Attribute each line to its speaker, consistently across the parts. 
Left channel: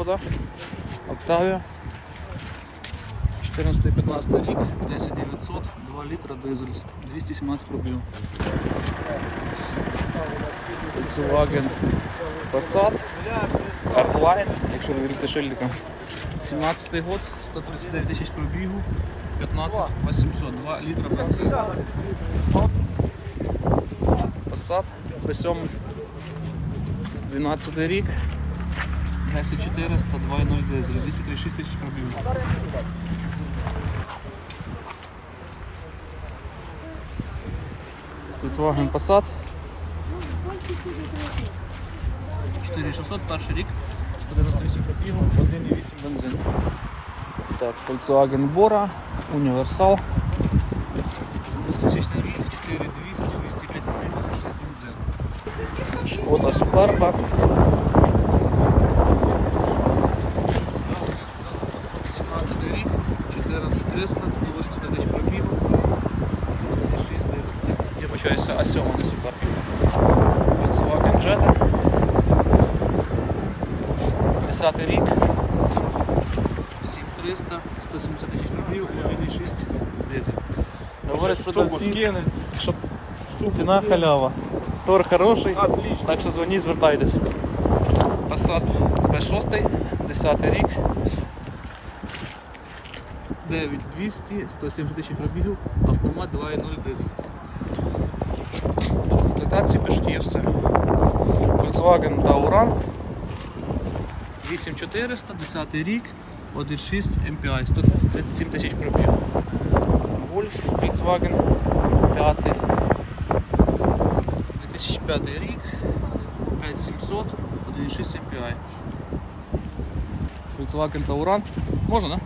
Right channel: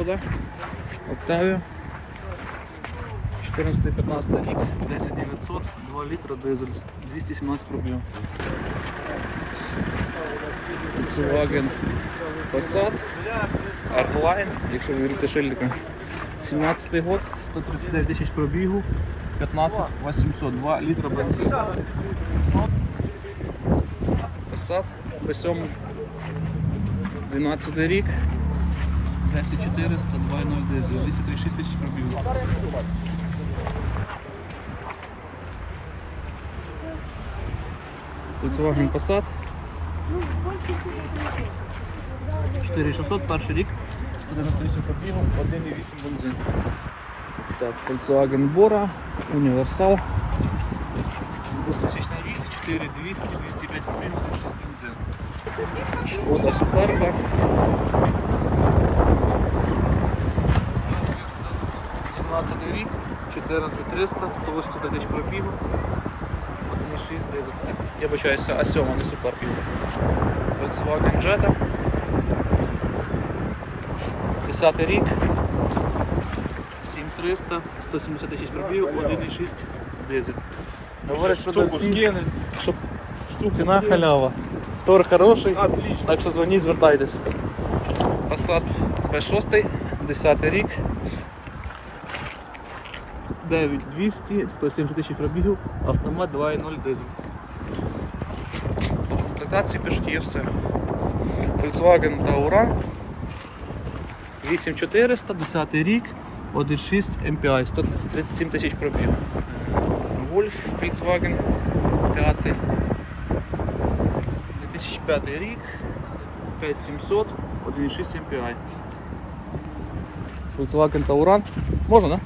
Speaker 1: Шкода. Октавія. 14-15 рік, 10900, 2 літра дизель, 217 пробігів. Volkswagen Passat, R-Line, якщо ви вірите шильдика. 17 год, 139 тисяч пробігу, 15 800, 2 літра бензину. Passat B7, 12 рік, 10400, 2.0 дизель, 236 тисяч пробігу. Volkswagen Passat. 4600, перший рік, 198 пробігу, 1,8 бензин. Так, Volkswagen Bora, універсал. 2000 рік, 4200, 205 пробігу, 6 бензин. Шкода Суперба. 17 рік, 14300, 180 тисяч пробігу, 1,6 дизель. Я бачаюся, А7, не Суперб. Volkswagen Jetta. 10 рік. 7300, 170 тисяч пробігу, 1,6 дизель. Говорять продавці, що ціна халява. Тор хороший, так що дзвоніть, звертайтесь. Passat B6, 10 рік. 9200, 170 тисяч пробігів, автомат 2.0 дизель. В комплектації пишуть є все. Volkswagen Tauran 8400, 10 рік, 1.6 MPI, 137 тисяч пробігів. Golf Volkswagen 5. 2005 рік, 5700, 1.6 MPI. Volkswagen Tauran. Можна, да?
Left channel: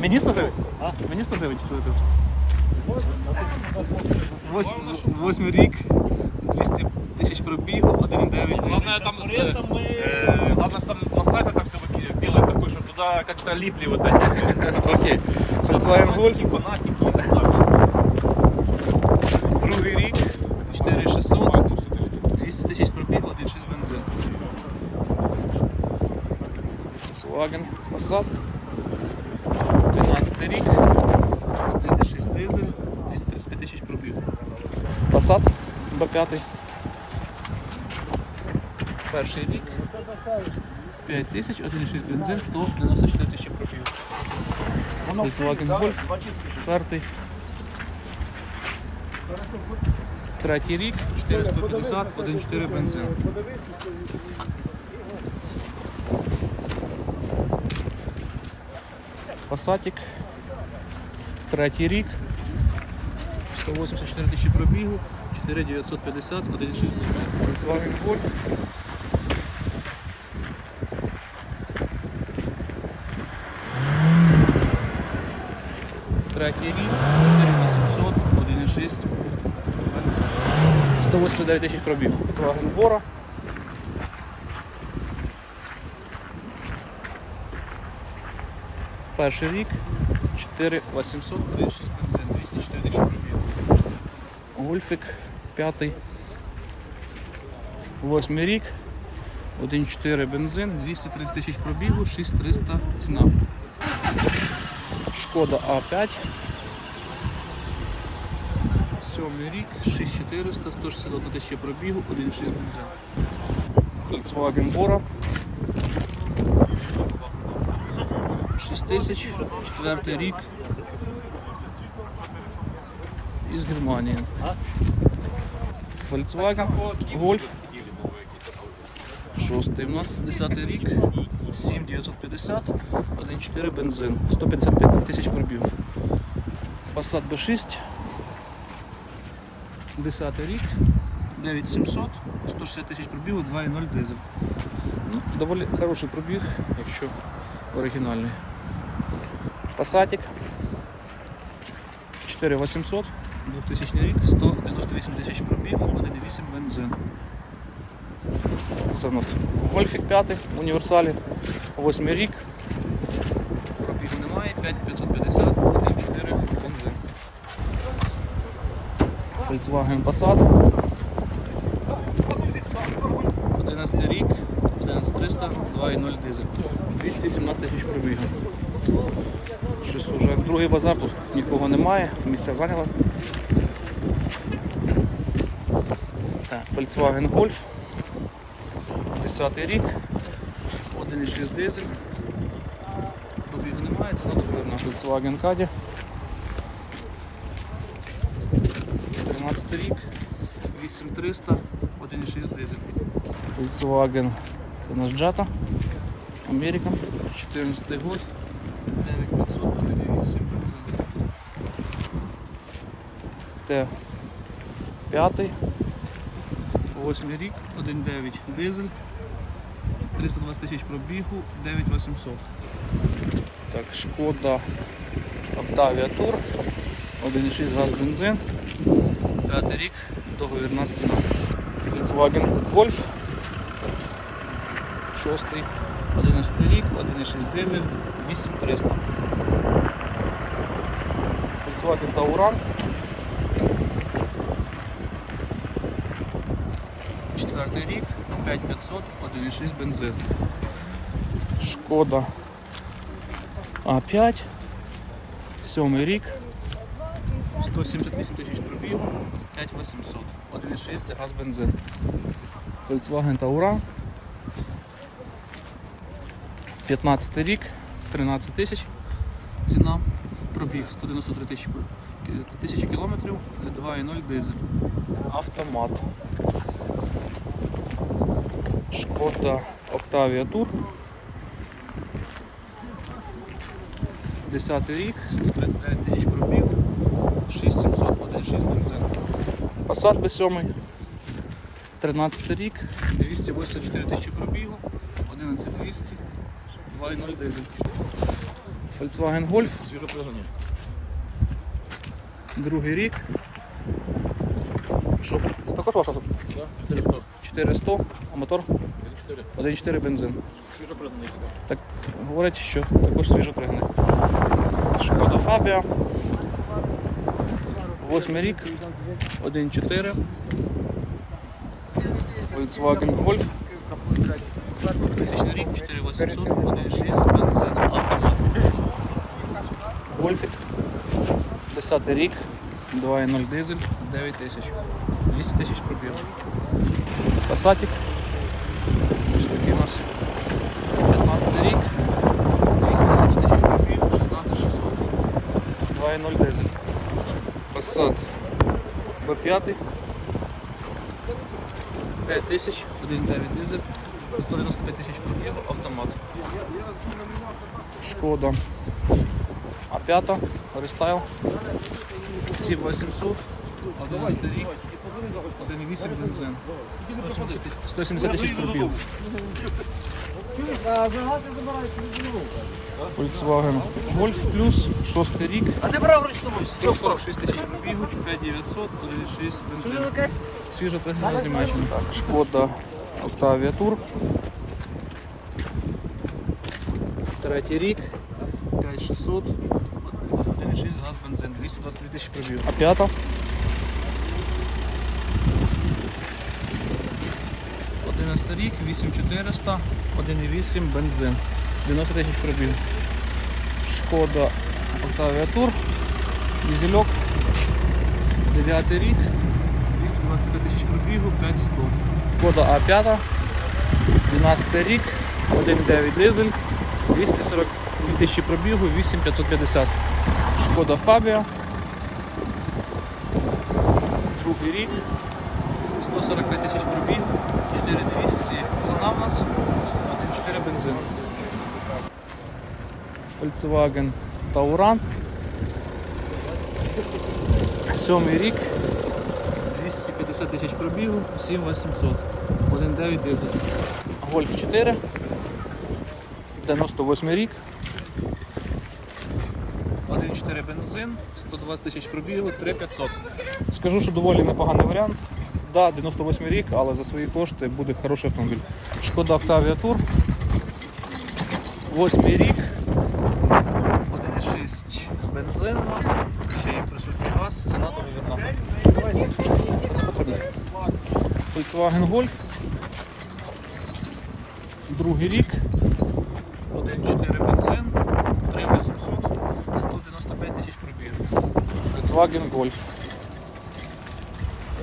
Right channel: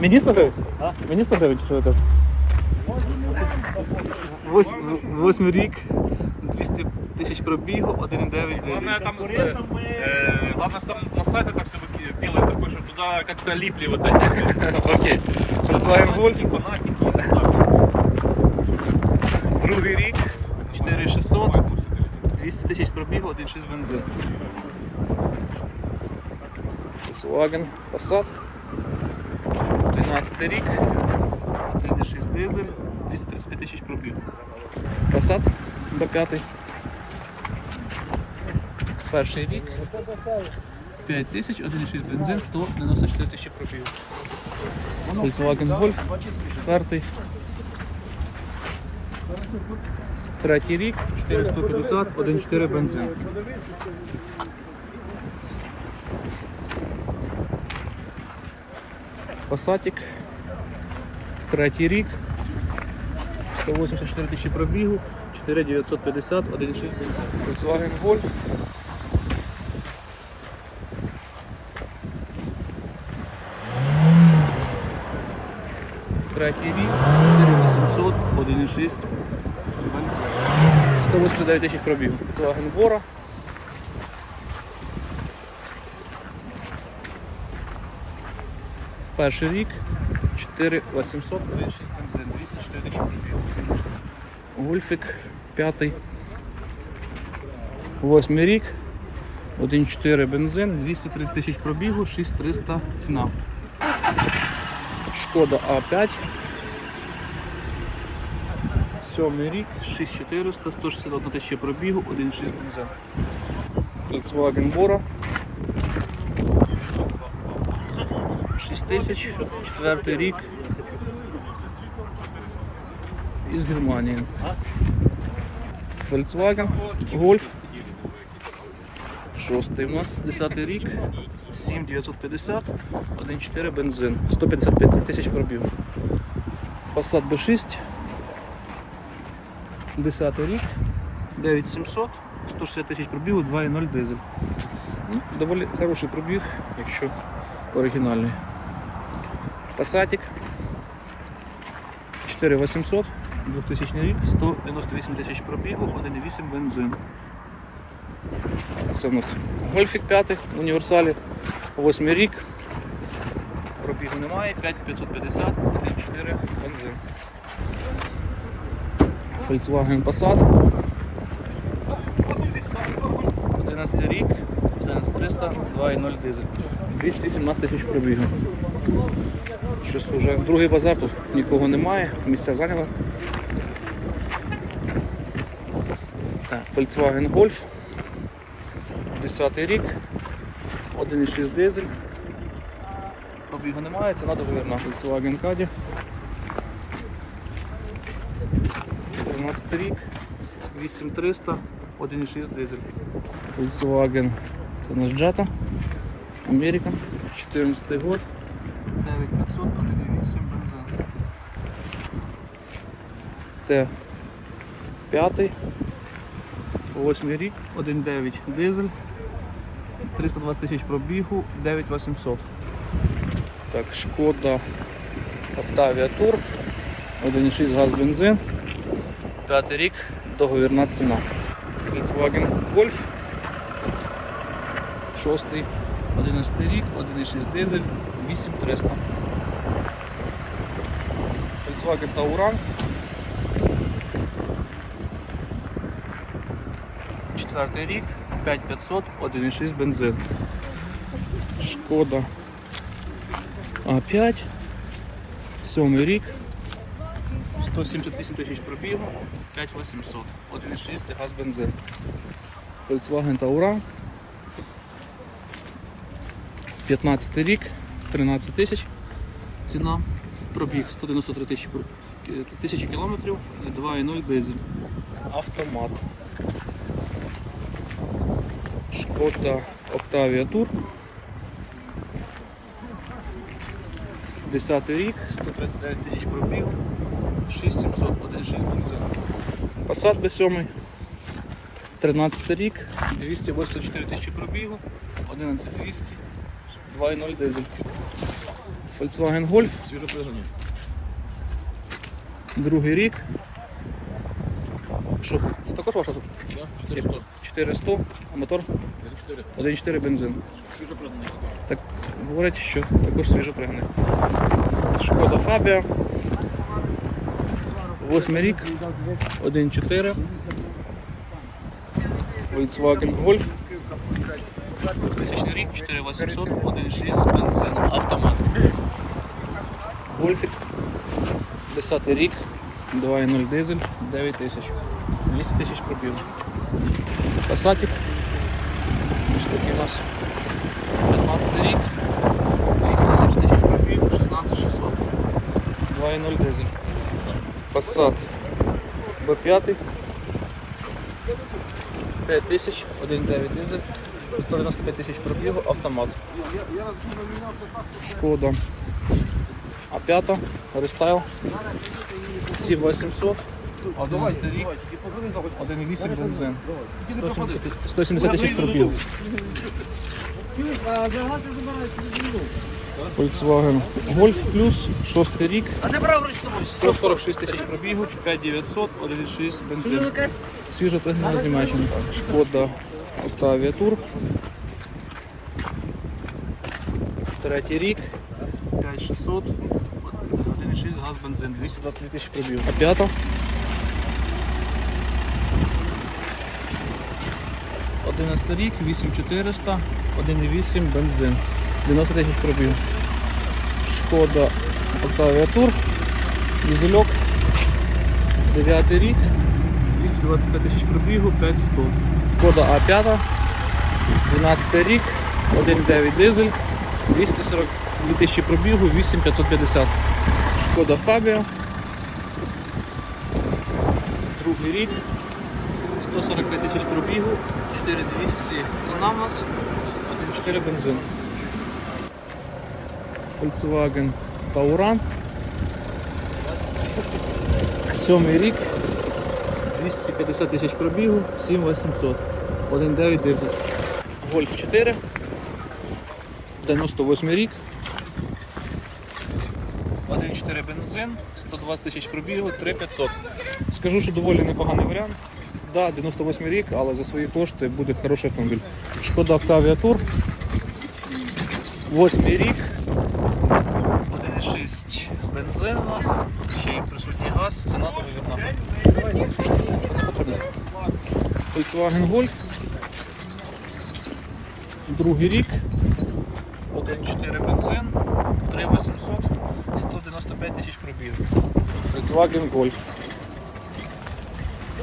Speaker 1: Мені 100 гривень? Мені 100 гривень, чи що ви кажете? Восьм- Восьмий рік, 200 тисяч пробігу, 1,9
Speaker 2: Главное там, э, э, главное, что там на сайтах это все-таки сделать такой, чтобы туда как-то липли вот эти
Speaker 1: Окей. Volkswagen Golf,
Speaker 2: фанатики, фанатики.
Speaker 1: другий рік, 4600, 200 тисяч пробігу, 1,6 бензин. Volkswagen Passat, 12 рік, 1,6 дизель, 235 тисяч пробігу. Passat B5. Перший рік, 5 тисяч, 1,6 бензин, 194 тисячі пробігу. Volkswagen Golf, четвертий. Третій рік, 450, 1,4 бензин. Пасатик. Третій рік. 184 тисячі пробігу, 4950, 1,6 бензин. Volkswagen Golf. Третій рік, 4800, 1,6 бензин. 189 тисяч пробігу. Volkswagen Bora. Перший рік 4800, 1,6 бензин, 204 тисячі пробігу. Гольфик п'ятий. Восьмий рік, 1,4 бензин, 230 тисяч пробігу, 6300 ціна. Шкода А5. Сьомий рік, 6400, 161 тисяча пробігу, 1,6 бензин. Volkswagen Bora. 6 тисяч, четвертий рік. Із Германії. Volkswagen Golf. Шостий у нас 10 рік. 7950, 1,4 бензин, 155 тисяч пробігу. Passat B6. 10 рік, 9700, 160 тисяч пробігу, 2,0 дизель. Ну, доволі хороший пробіг, якщо оригінальний. Passatик 4800, 2000 рік, 198 тисяч пробігу, 1,8 бензин. Це у нас Гольфік 5 в універсалі, 8 рік. Пробігу немає, 5550, 1,4 бензин. Volkswagen Passat. 11 рік, 2400, 2.0 дизель. 217 тисяч пробігу. Щось уже другий базар, тут нікого немає, місця зайняли. Так, Volkswagen Golf. 10 рік. 1.6 дизель. Пробігу немає, ціна договірна. Volkswagen Caddy. 13 рік. 8300, 1.6 дизель. Volkswagen. Це наш Jetta. Америка. 14 год. 9500, 1.8 бензин. Т 5. 8 рік, 1.9 дизель. 320 тисяч пробігу, 9800. Так, шкода Octavia Tour. 1.6 газ бензин. П'ятий рік, договірна ціна. Volkswagen Golf. Шостий, 11 рік, 1.6 дизель, 8300. Volkswagen Tauran. Четвертий рік, 5500, 1.6 бензин. Шкода А5. Сьомий рік, 178 тисяч пробігу, 5800, 1.6 газ бензин. Volkswagen Tauran. 15 рік, 13 тисяч. Ціна. Пробіг 193 тисячі кілометрів, 2.0 дизель. Автомат. Шкода Octavia Tour. 10 рік, 139 тисяч пробіг, 6700, 1.6 бензин. Passat B7. 13 рік, 284 тисячі пробігу, 11200, 2.0 дизель. Volkswagen Golf. Другий рік. Що? Це також ваша тут? 400, а мотор 1.4 бензин. Так говорять, що також свіжоприганий. Шкода Фабія. Восьмий рік, 1.4. Volkswagen Golf. 2000 рік, 4800, 1.6 бензин, автомат. Гольфік. 10 рік, 2.0 дизель, 9 тисяч. 200 тисяч пробігу. Пасатик. Ось такий у нас 15 рік. 270 тисяч пробігу, 16600. 2.0 дизель. Passat B5. 5 тисяч, 1.9 дизель, 195 тисяч пробігу, автомат. Шкода А5, рестайл, Сі800, 11 рік, 1.8 бензин, 170 тисяч пробігу. Volkswagen Golf Plus, 6 рік, 146 тисяч пробігу, 5900, 1.6 бензин. Свіжо пригнана з Німеччини. Шкода Octavia Tour. Третій рік. 5600. 1,6 газ бензин. 223 тисячі пробігу. А п'ята. Одинадцятий рік, 8400, 1,8 бензин. 90 тисяч пробігу. Шкода Octavia Tour. Дізельок. 9 рік. 225 тисяч пробігу, 500. Кода А5, 12 рік, 1,9 дизель, 242 тисячі пробігу, 8550. Шкода Фабія. Другий рік, 145 тисяч пробігу, 4200 ціна в нас, 1,4 бензин. Volkswagen Tauran. Сьомий рік, 250 тисяч пробігу, 7800. 1,9 дизель. Гольф 4. 98 рік. 1,4 бензин, 120 тисяч пробігу, 3500. Скажу, що доволі непоганий варіант. Да, 98 рік, але за свої кошти буде хороший автомобіль. Шкода Octavia Tour. 8 рік. 1,6 бензин у нас, ще й присутній газ, ціна договірна. Volkswagen Golf. Другий рік.
Speaker 2: 1.4 бензин, 3800, 195 тисяч пробігів.
Speaker 1: Volkswagen Golf.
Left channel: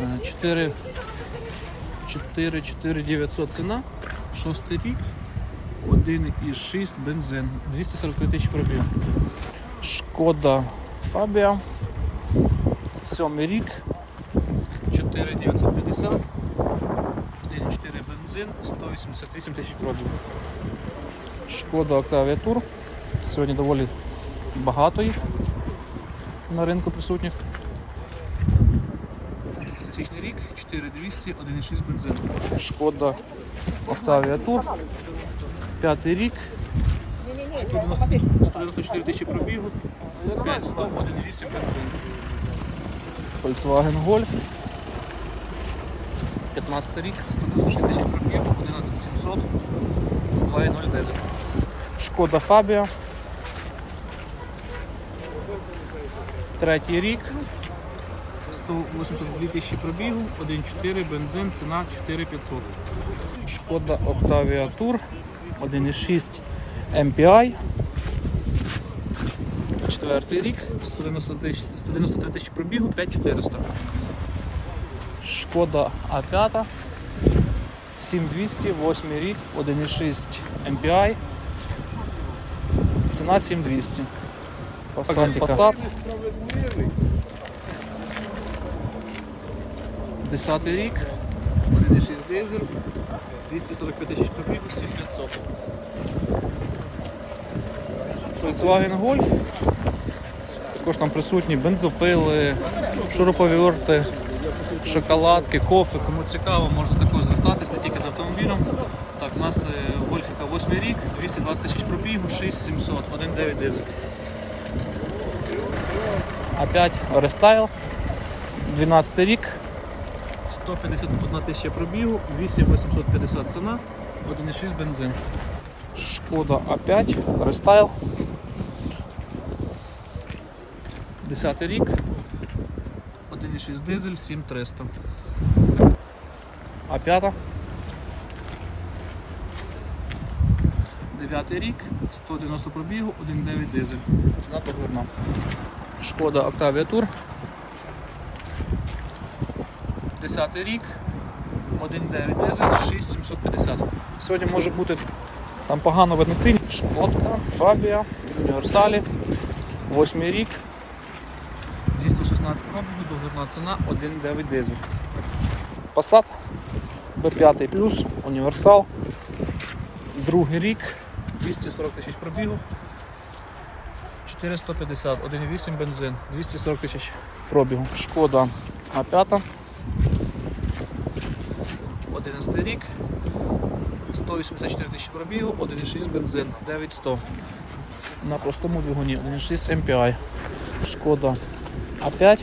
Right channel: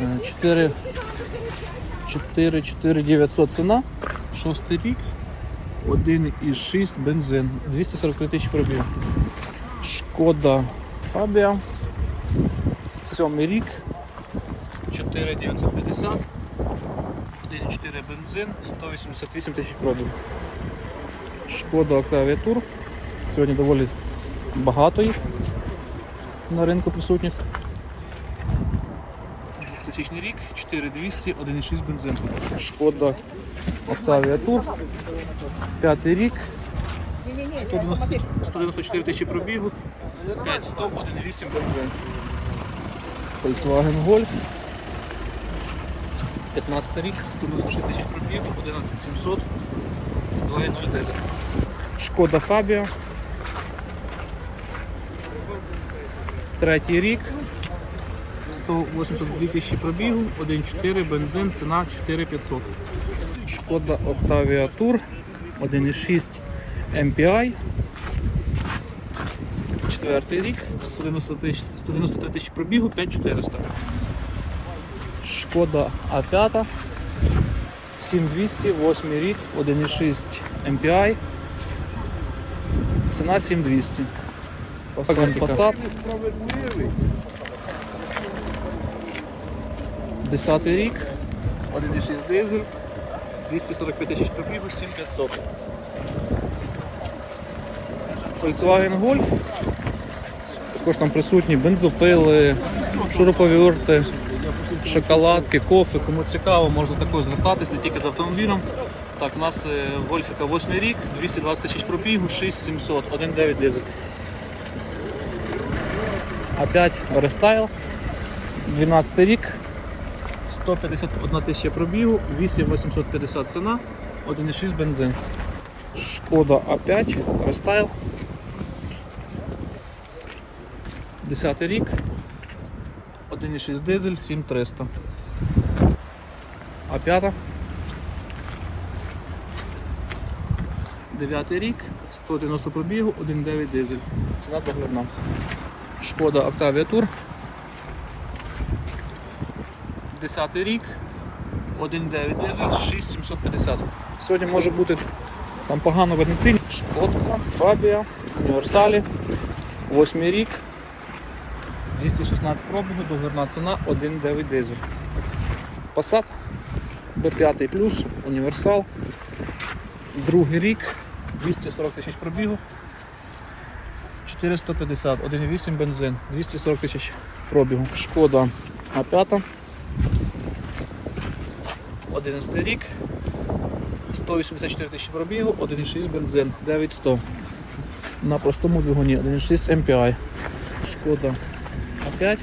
Speaker 1: Е, 4 4 4 900 ціна. Шостий рік. 1,6 бензин. 243 тисячі пробіг. Шкода Фабія. Сьомий рік.
Speaker 2: 4950, 1.4 бензин, 188 тисяч
Speaker 1: пробіг. Шкода Octavia. Сьогодні доволі багато їх на ринку присутніх.
Speaker 2: 2000 рік, 4200, 1.6 бензин.
Speaker 1: Шкода Octavia Tour. П'ятий рік.
Speaker 2: 194 тисячі пробігу, 5100, 1.8 бензин.
Speaker 1: Volkswagen Golf.
Speaker 2: 15 рік, 196 тисяч пробігу, 11700, 2.0 дизель.
Speaker 1: Шкода Фабія. Третій рік.
Speaker 2: 182 тисячі пробігу, 1.4 бензин, ціна 4500.
Speaker 1: Шкода Octavia Tour 1.6 MPI.
Speaker 2: Четвертий рік, 193 тисячі пробігу, 5400.
Speaker 1: Шкода А5. 7200, 8 рік, 1.6 MPI. Ціна 7200. Passat. Passat. 10 рік.
Speaker 2: 1.6 дизель, 245 тисяч пробігу, 7500.
Speaker 1: Volkswagen Golf. Також там присутні бензопили, шуруповерти, шоколадки, кофе.
Speaker 2: Кому цікаво, можна також звертатись не тільки з автомобілем. Так, у нас е, Гольфіка 8 рік, 220 тисяч пробігу, 6700, 1.9 дизель.
Speaker 1: Опять рестайл. 12 рік.
Speaker 2: 151 тисяча пробігу, 8850 ціна, 1.6 бензин.
Speaker 1: Шкода А5, рестайл. 10 рік.
Speaker 2: 1.6 дизель, 7300.
Speaker 1: А5.
Speaker 2: 9 рік, 190 пробігу, 1.9 дизель.
Speaker 1: Ціна договірна. Шкода Octavia Tour.
Speaker 2: 10 рік, 1.9 дизель, 6750.
Speaker 1: Сьогодні може бути там погано видно ціль. Шкодка, Фабія, Універсалі. 8 рік.
Speaker 2: 216 пробігу, договірна ціна,
Speaker 1: 1.9 дизель. Passat B5 плюс, універсал. Другий рік.
Speaker 2: 240 тисяч пробігу, 4150, 1.8 бензин, 240 тисяч.
Speaker 1: Пробігу. Шкода А5.
Speaker 2: 11 рік, 184 тисячі пробігу, 1.6 бензин, 9100.
Speaker 1: На простому двигуні 1.6 MPI. Шкода А5.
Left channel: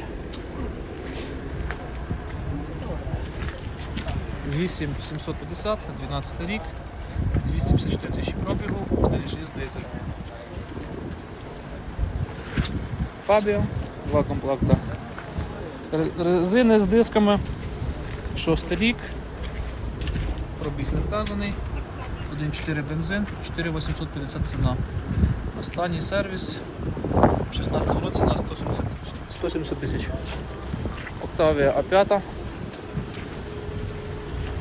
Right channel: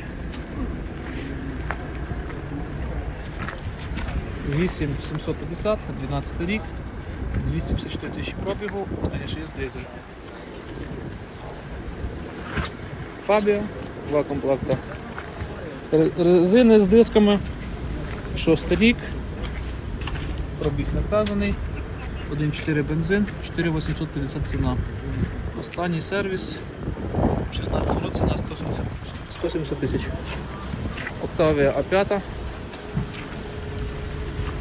Speaker 2: 8750, 12 рік, 254 тисячі пробігу, 1.6 дизель.
Speaker 1: Фабіо. Два комплекта. Резини з дисками. Шостий рік.
Speaker 2: Пробіг не вказаний, 1.4 бензин, 4850 ціна. Останній сервіс в 16 році на 170 тисяч.
Speaker 1: 170 тисяч. Октавія А5.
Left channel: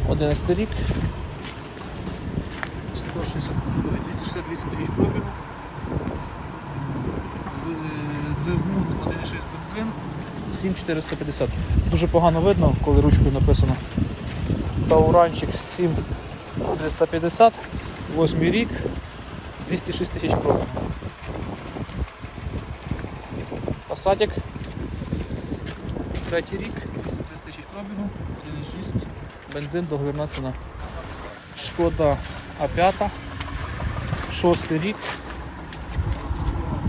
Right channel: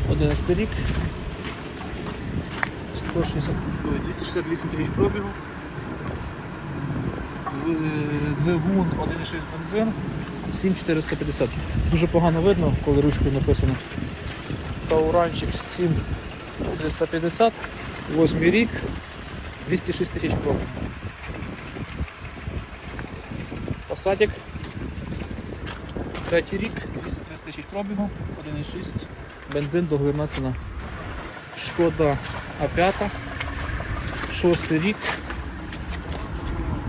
Speaker 1: 11 рік.
Speaker 2: 160, ой, 268 тисяч пробігу. Двигун 1.6 бензин.
Speaker 1: 7450. Дуже погано видно, коли ручкою написано. Тауранчик 7350. 8 рік. 206 тисяч пробігу. Пасатик.
Speaker 2: Третій рік, 230 тисяч пробігу, 1.6.
Speaker 1: Бензин договірна ціна. Шкода А5. Шостий рік.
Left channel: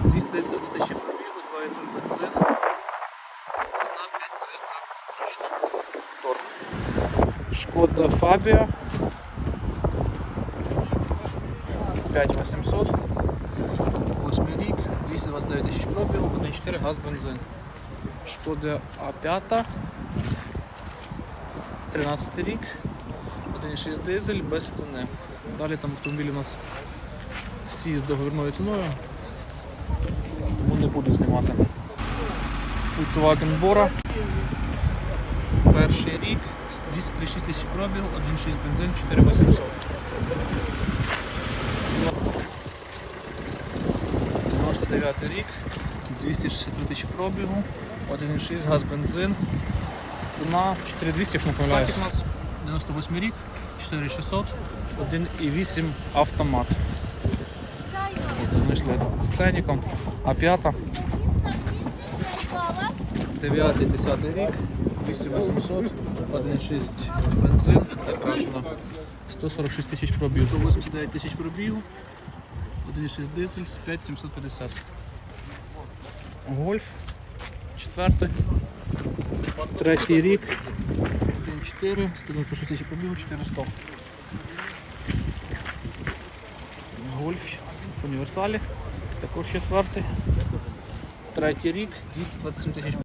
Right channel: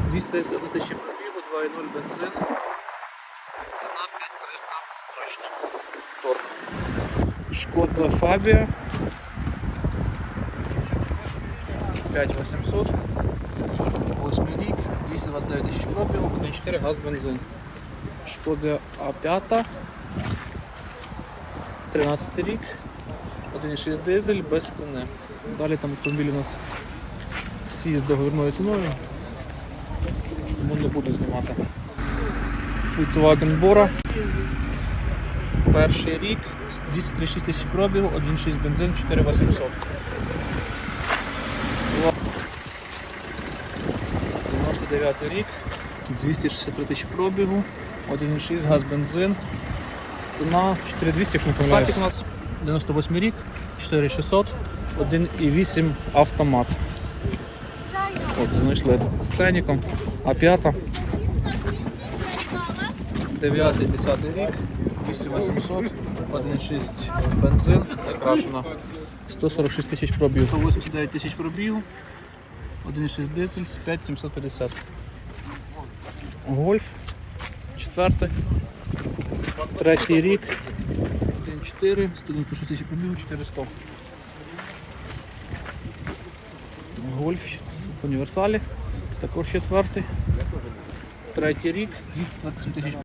Speaker 2: 231 тисячі пробігу, 2.0 бензин. Ціна 5300 страшно.
Speaker 1: Торг. Шкода Фабія. 5800.
Speaker 2: 8 рік, 229 тисяч пробігу, 1.4 газ бензин.
Speaker 1: Шкода А5. 13 рік. 1,6 дизель без ціни. Далі там автомобілі у нас всі з договірною ціною. Тому не буду знімати. Volkswagen Bora. Перший рік, 236 тисяч пробігу, 1,6 бензин, 4800. 99 рік, 263 тисячі пробігу, 1,6 газ бензин. Ціна 4200, якщо не помиляюсь.
Speaker 2: Сатік у нас
Speaker 1: 98 рік, 4600, 1,8 автомат. От, знайшли з ценником. А п'ята. 9 10 рік, 8800, 1,6 бензин, окрашена 146 тисяч пробігу.
Speaker 2: 189 тисяч пробігу.
Speaker 1: 1,6 дизель, 5750. Гольф, четвертий, третій рік, 1,4, 196 тисяч пробігу, 400. Гольф. В універсалі, також четвертий, третій рік, 227 тисяч